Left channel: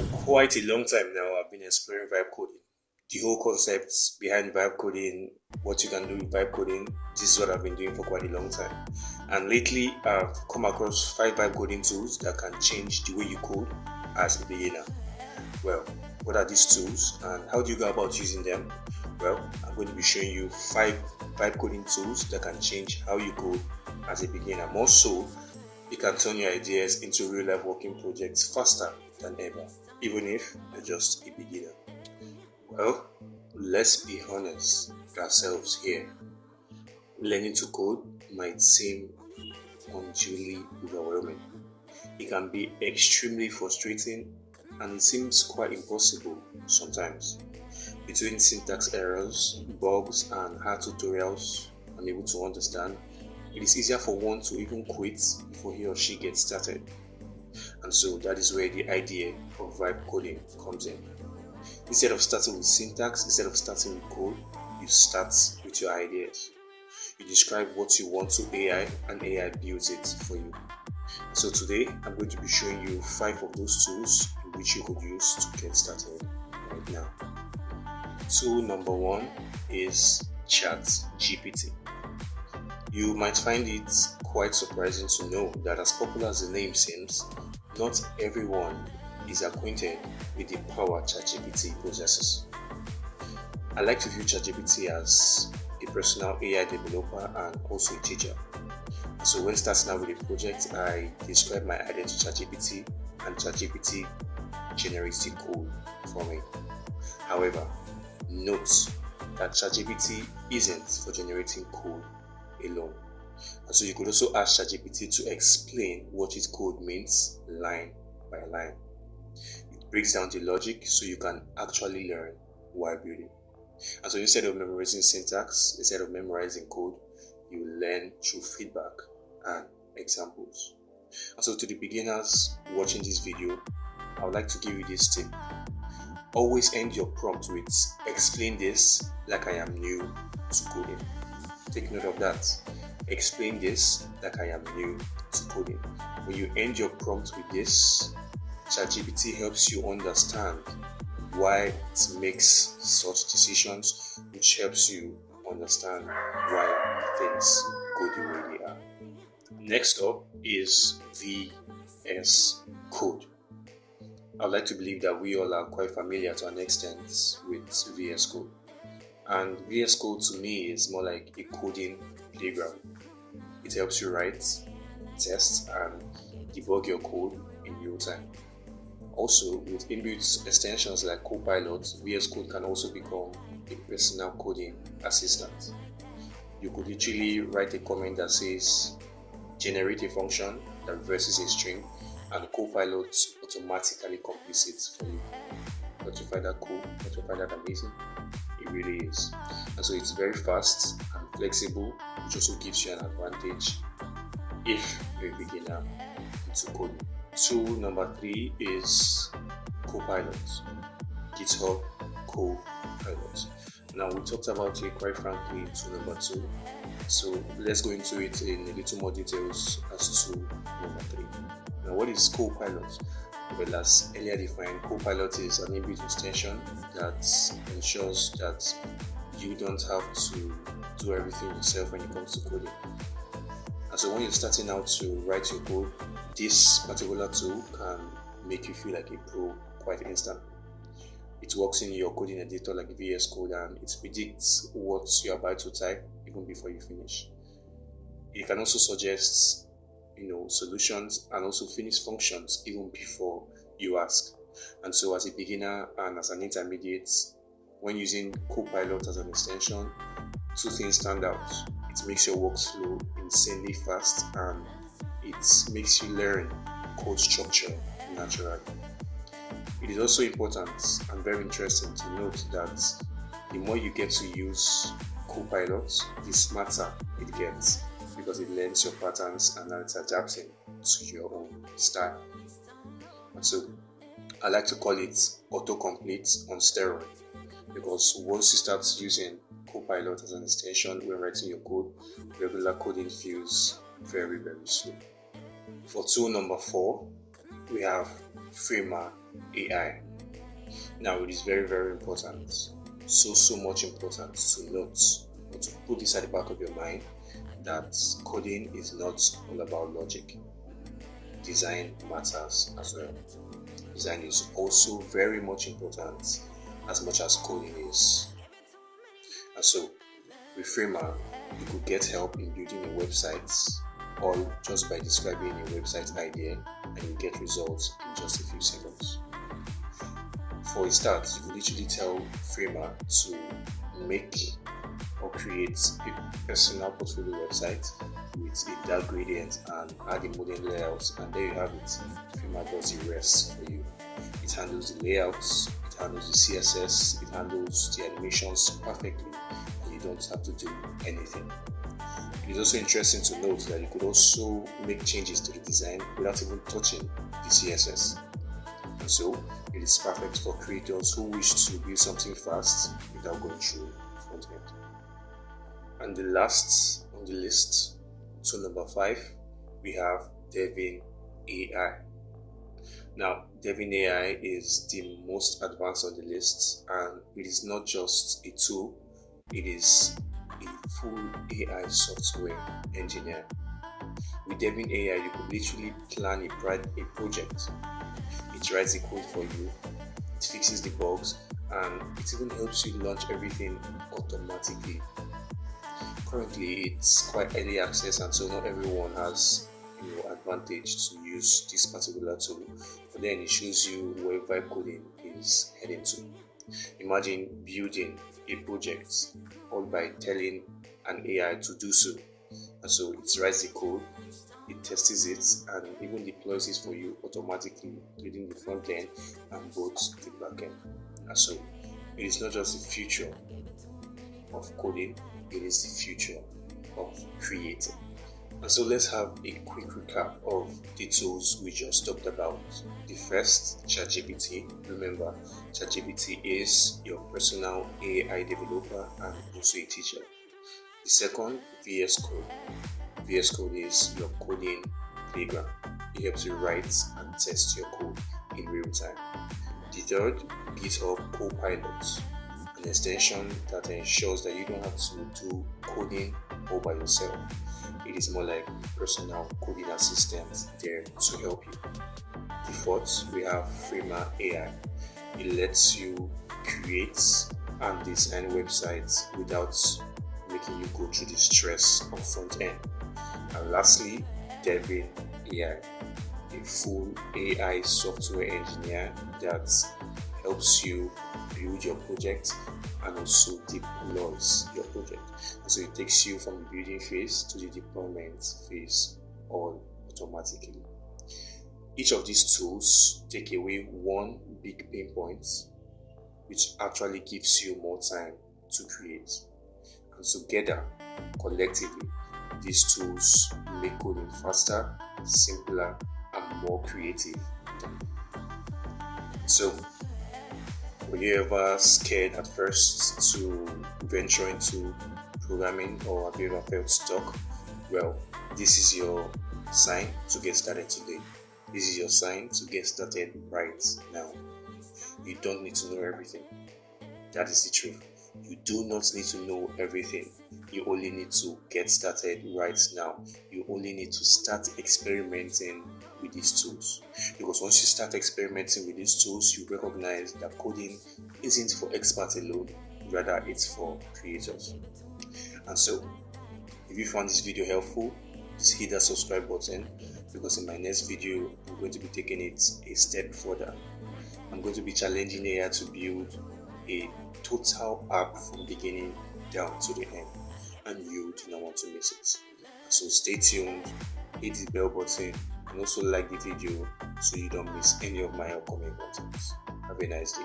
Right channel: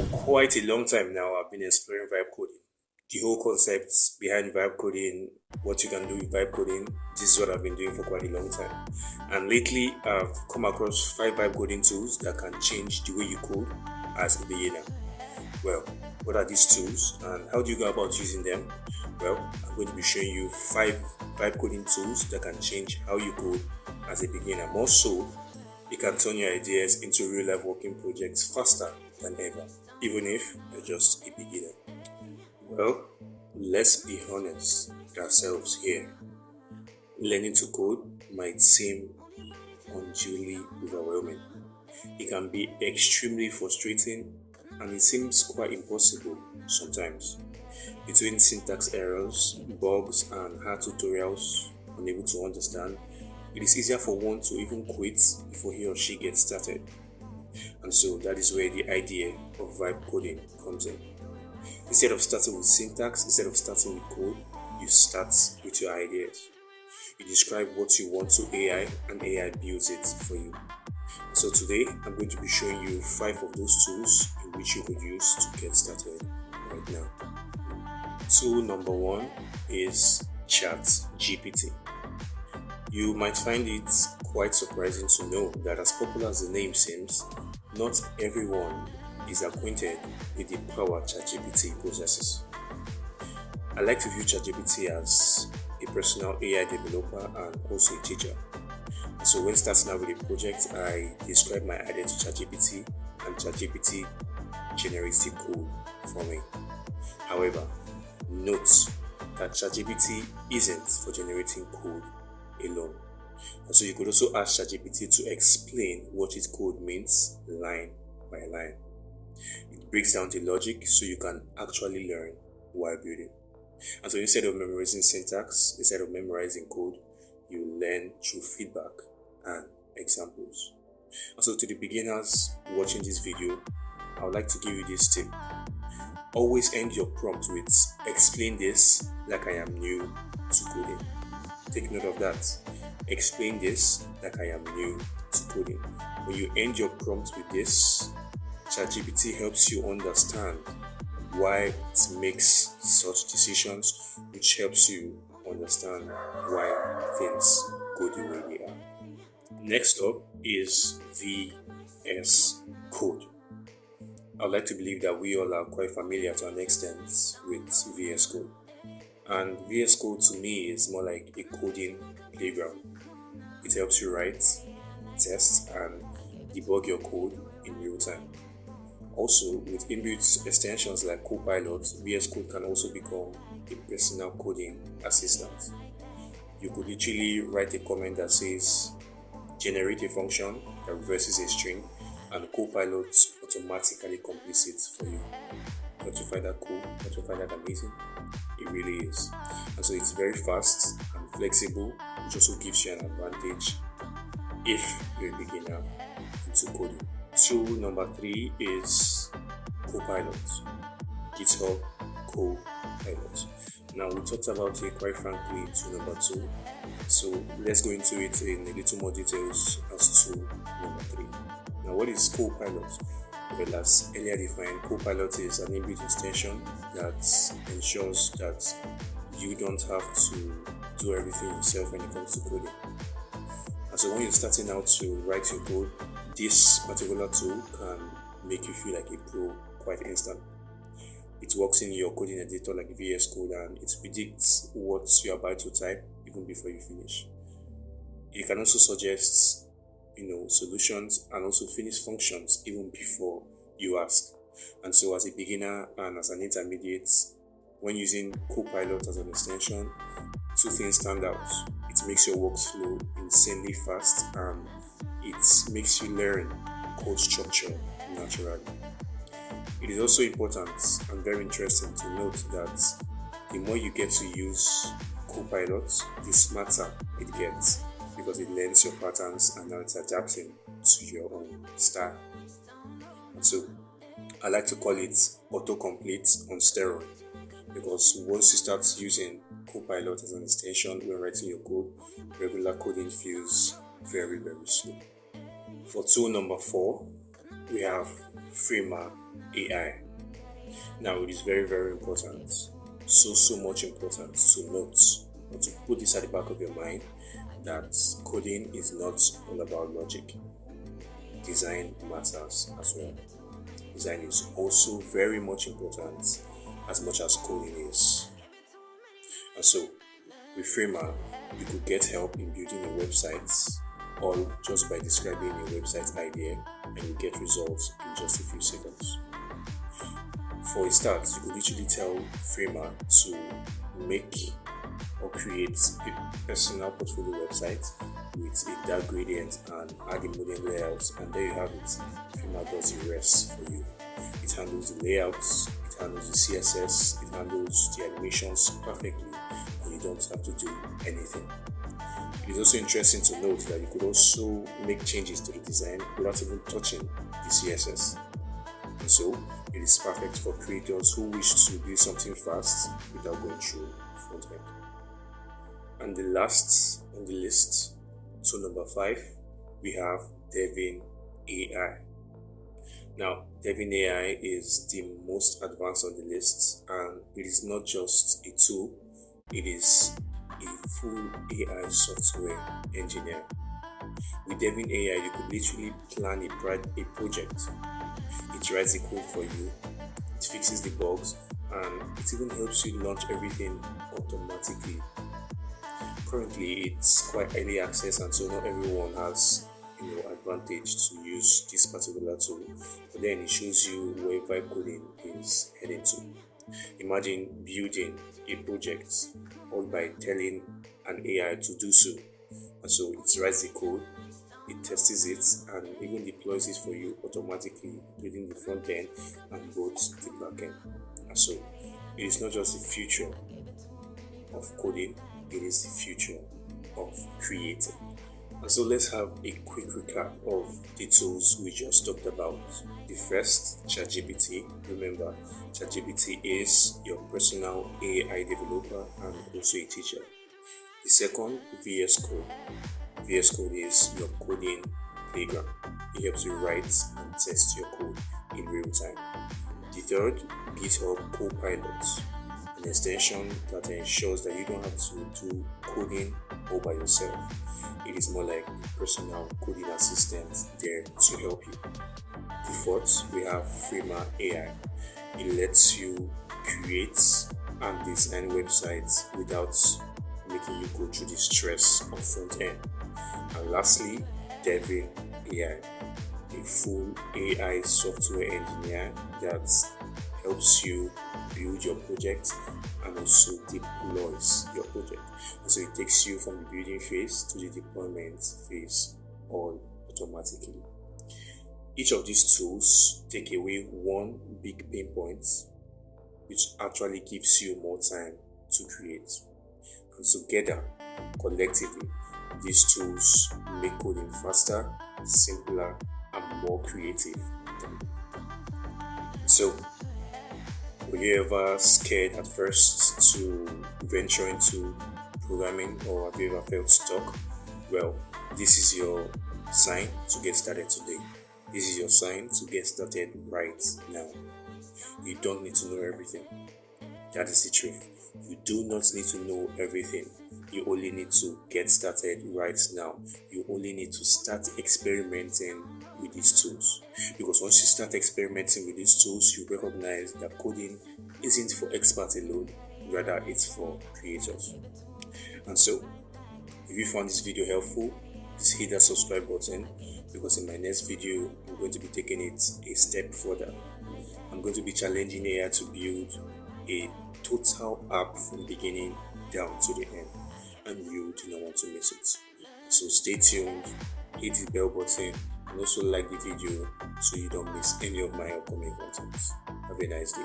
For quite a long time now, I've been exploring vibe coding. The whole concept behind vibe coding, what you can do with vibe coding, this is what I've been doing for quite a long time. And lately, I've come across 5 vibe coding tools that can change the way you code as a beginner. Well, what are these tools and how do you go about using them? Well, I'm going to be showing you 5 vibe coding tools that can change how you code as a beginner. More so, you can turn your ideas into real life working projects faster than ever, even if you're just a beginner. Well, let's be honest with ourselves here. Learning to code might seem unduly overwhelming. It can be extremely frustrating and it seems quite impossible sometimes. Between syntax errors, bugs, and hard tutorials unable to understand, it is easier for one to even quit before he or she gets started. And so that is where the idea of vibe coding comes in. Instead of starting with syntax, instead of starting with code, you start with your ideas. You describe what you want to AI and AI builds it for you. So today I'm going to be showing you 5 of those tools in which you could use to get started right now. Tool number 1 is ChatGPT. You might find it quite surprising to know that as popular as the name seems, not everyone is acquainted with the power ChatGPT possesses. I like to view ChatGPT as a personal AI developer and also a teacher. So when starting out with a project, I describe my idea to ChatGPT and ChatGPT generates the code for me. However, note that ChatGPT isn't for generating code alone. And so you could also ask ChatGPT to explain what its code means line by line. It breaks down the logic so you can actually learn while building. And so instead of memorizing syntax, instead of memorizing code, you learn through feedback and examples. And so to the beginners watching this video, I would like to give you this tip. Always end your prompt with explain this like I am new to coding. Take note of that. Explain this like I am new to coding. When you end your prompt with this, ChatGPT helps you understand why it makes such decisions, which helps you understand why things go the way they are. Next up is VS Code. I'd like to believe that we all are quite familiar to an extent with VS Code. And VS Code to me is more like a coding playground. It helps you write, test, and debug your code in real time. Also, with inbuilt extensions like Copilot, VS Code can also become a personal coding assistant. You could literally write a comment that says, generate a function that reverses a string, and Copilot automatically completes it for you. Don't you find that cool? Don't you find that amazing? It really is. And so it's very fast and flexible, which also gives you an advantage if you're a beginner into coding. Tool number 3 is Copilot. GitHub Copilot. Now we talked about it quite frankly in tool number 2. So let's go into it in a little more details as to number 3. Now what is Copilot? Well, as earlier defined, Copilot is an inbuilt extension that ensures that you don't have to do everything yourself when it comes to coding. And so when you're starting out to write your code, this particular tool can make you feel like a pro quite instantly. It works in your coding editor like VS Code and it predicts what you're about to type even before you finish. It can also suggest solutions and also finish functions even before you ask. And so as a beginner and as an intermediate, when using Copilot as an extension, 2 things stand out. It makes your workflow insanely fast and it makes you learn code structure naturally. It is also important and very interesting to note that the more you get to use Copilot, the smarter it gets because it learns your patterns and now it's adapting to your own style. And so I like to call it autocomplete on steroid because once you start using Copilot as an extension when writing your code, regular coding feels very, very slow. For tool number 4, we have Framer AI. Now, it is very, very important, so much important to note or to put this at the back of your mind that coding is not all about logic. Design matters as well. Design is also very much important as much as coding is. And so, with Framer, you could get help in building your websites, all just by describing your website idea, and you get results in just a few seconds. For a start, you could literally tell Framer to make or create a personal portfolio website with a dark gradient and add a modern layout, and there you have it. Framer does the rest for you. It handles the layouts, it handles the CSS, it handles the animations perfectly, and you don't have to do anything. It is also interesting to note that you could also make changes to the design without even touching the CSS. And so, it is perfect for creators who wish to build something fast without going through front end. And the last on the list, so number 5, we have Devin AI. Now, Devin AI is the most advanced on the list, and it is not just a tool, it is a full AI software engineer. With Devin AI, you could literally plan a project. It writes the code for you, it fixes the bugs, and it even helps you launch everything automatically. Currently, it's quite early access, and so not everyone has advantage to use this particular tool. But then it shows you where vibe coding is heading to. Imagine building a project all by telling an AI to do so. And so it writes the code, it tests it, and even deploys it for you automatically, including the front end and both the back end. And so it is not just the future of coding, it is the future of creating. And so let's have a quick recap of the tools we just talked about. The first, ChatGPT. Remember, ChatGPT is your personal AI developer and also a teacher. The second, VS Code. VS Code is your coding playground. It helps you write and test your code in real time. The third, GitHub Copilot, an extension that ensures that you don't have to do coding all by yourself. It is more like a personal coding assistant there to help you. The fourth, we have Framer AI. It lets you create and design websites without making you go through the stress of front end. And lastly, Devin AI, a full AI software engineer that helps you build your project and also deploys your project. And so it takes you from the building phase to the deployment phase all automatically. Each of these tools take away one big pain point, which actually gives you more time to create. And together, collectively, these tools make coding faster, simpler, and more creative. So, were you ever scared at first to venture into programming, or have you ever felt stuck? Well, this is your sign to get started today. This is your sign to get started right now. You don't need to know everything. That is the truth. You do not need to know everything. You only need to get started right now. You only need to start experimenting with these tools. Because once you start experimenting with these tools, you recognize that coding isn't for experts alone, rather it's for creators. And so, if you found this video helpful, please hit that subscribe button, because in my next video, I'm going to be taking it a step further. I'm going to be challenging AI to build a total app from beginning down to the end, and you do not want to miss it. So stay tuned, hit the bell button, and also like the video so you don't miss any of my upcoming contents. Have a nice day.